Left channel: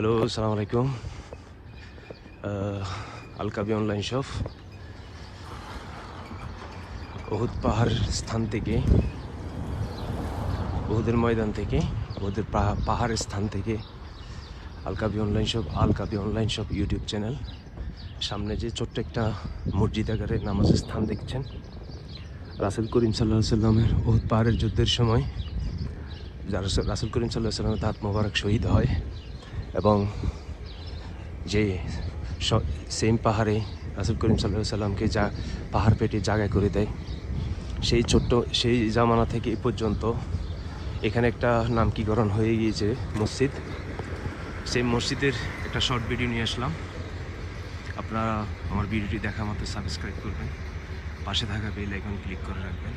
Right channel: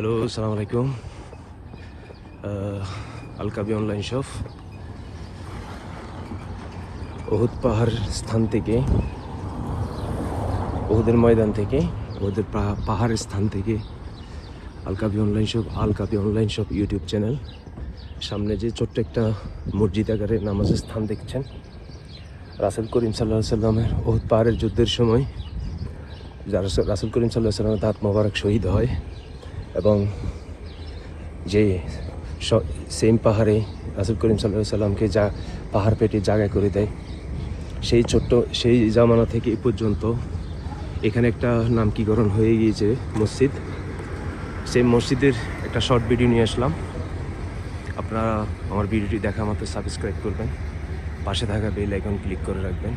Hello, আসসালামু আলাইকুম। আলকাবি online shop Uhud পাহাড় স্থান থেকে, উহুদের ময়দান থেকে, উহুদের পাহাড়ের স্থান থেকে আলকাবি অনলাইন শপ ইউটিউব চ্যানেল। সামনে যে ছোট্ট একটা মসজিদ আকারে নামাজের স্থান দেখছেন, রাসূল করিম সাল্লাল্লাহু আলাইহি সাল্লামের উহুদ পাহাড়ের যুদ্ধের সময় রাসূল করিম সাল্লাল্লাহু আলাইহি সাল্লামের দাঁত মোবারক শহীদ হয় এবং যে সেম পাহাড়ে রাসূল করিম সাল্লাল্লাহু আলাইহি সাল্লামকে যা পাহাড় পেটে জায়গা করে দেয়, সেই জামানা থেকে এ পর্যন্ত এখানে একটা নামকরণ হয়ে গিয়েছে মসজিদ। সেই মসজিদের একটা শর্ট ভিডিও নিয়ে আসলাম। আপনারা আমার ভিডিওটি দেখা মাত্র সাবস্ক্রাইব করবেন, পাশে থাকা বেল আইকন ক্লিক করে রাখবেন,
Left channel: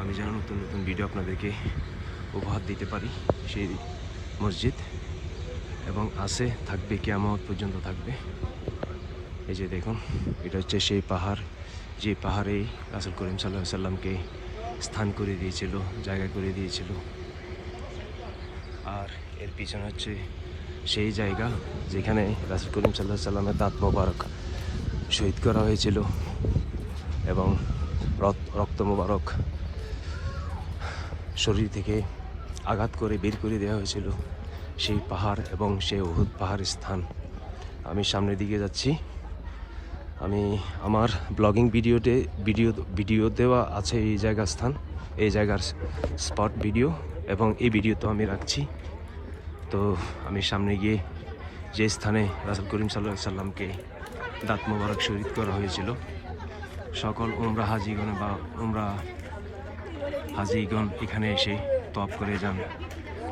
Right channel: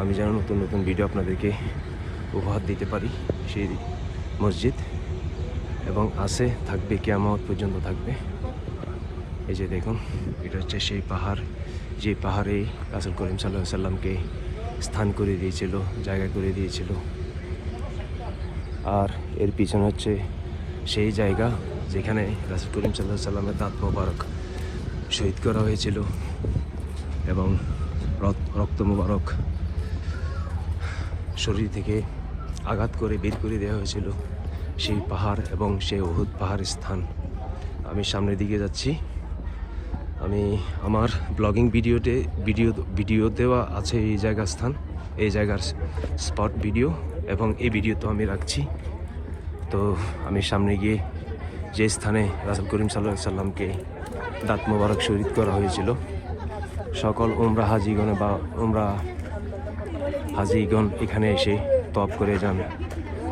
আমি যেন নতুন নতুন ভিডিও আপনাদেরকে উপহার দিতে পারি। সেই মসজিদ এবং থাকবে কিয়ামত পর্যন্ত থাকবে। এই যে দেখুন, এটা হচ্ছে সেই পাহাড়, যে পাহাড়ে রাসূল করিম সাল্লাল্লাহু আলাইহি সাল্লামকে স্থান করে দিয়েছিল, জায়গা করে দিয়েছিল। আর এর পিছনে হচ্ছে সেই জায়গা যেখানে রাসূল করিম সাল্লাল্লাহু আলাইহি সাল্লামের দাঁত মোবারক শহীদ করা হয়েছিল এবং রক্ত মোবারক শরীর থেকে আঘাত করে বের করে দেওয়া হয়েছিল। সেই পাহাড় এবং সেই উহুদ পাহাড়ের স্থান। আমি সামনের দিকে যাচ্ছি। আমি আমার ব্লগিং ভিডিও দেওয়া আছে এই জায়গার স্থান, এই জায়গার স্পট ভিডিও, এবং এই ভিডিও তো আমি রাখছি। তো আমি সামনে গিয়ে যে স্থানে রাসূল করিম সাল্লাল্লাহু আলাইহি সাল্লামকে দাঁত মোবারক শহীদ করা হয়েছিল, সকল উমরা হাজিগণ এখানে এসে তওয়াফ করে যান।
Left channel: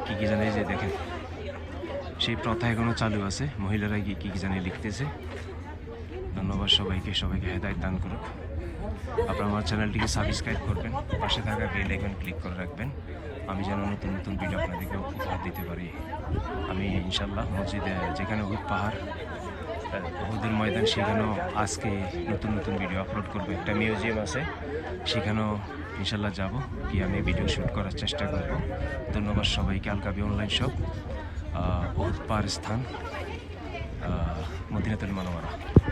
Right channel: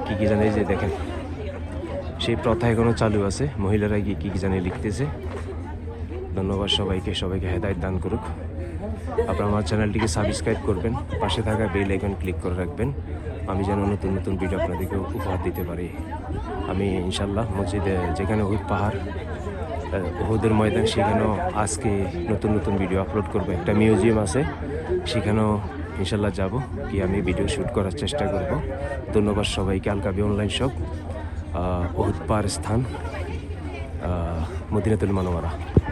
কি জানে যে দেখেন, সেই প্রথা এখনো চালু আছে। মহিলারা গিয়ে কি জানে লিখতেছে। ধন্যবাদ সবাইকে হেদায়েত দান করুক। আপনারা আমার চ্যানেলটিকে সাবস্ক্রাইব করবেন, পাশে থাকা বেল আইকন ক্লিক করে রাখবেন, আমি যেন নতুন নতুন ভিডিও আপনাদেরকে উপহার দিতে পারি। আমি ইনশাল্লাহ মসজিদে যেখানে উহুদ পাহাড়, উহুদের ময়দান, সেখানেও আজকে নতুন নতুন ভিডিও আপলোড করবো। একটা মিউজিয়াম আছে, সেখানেও ইনশাল্লাহ যাব, কি আমি ভিডিও শ্যুট করার চেষ্টা করব। ধন্যবাদ সবাইকে। আলকাবি অনলাইন শপ, উহুদ পাহাড় স্থান, মদিনাতুল মুনাওয়ারা।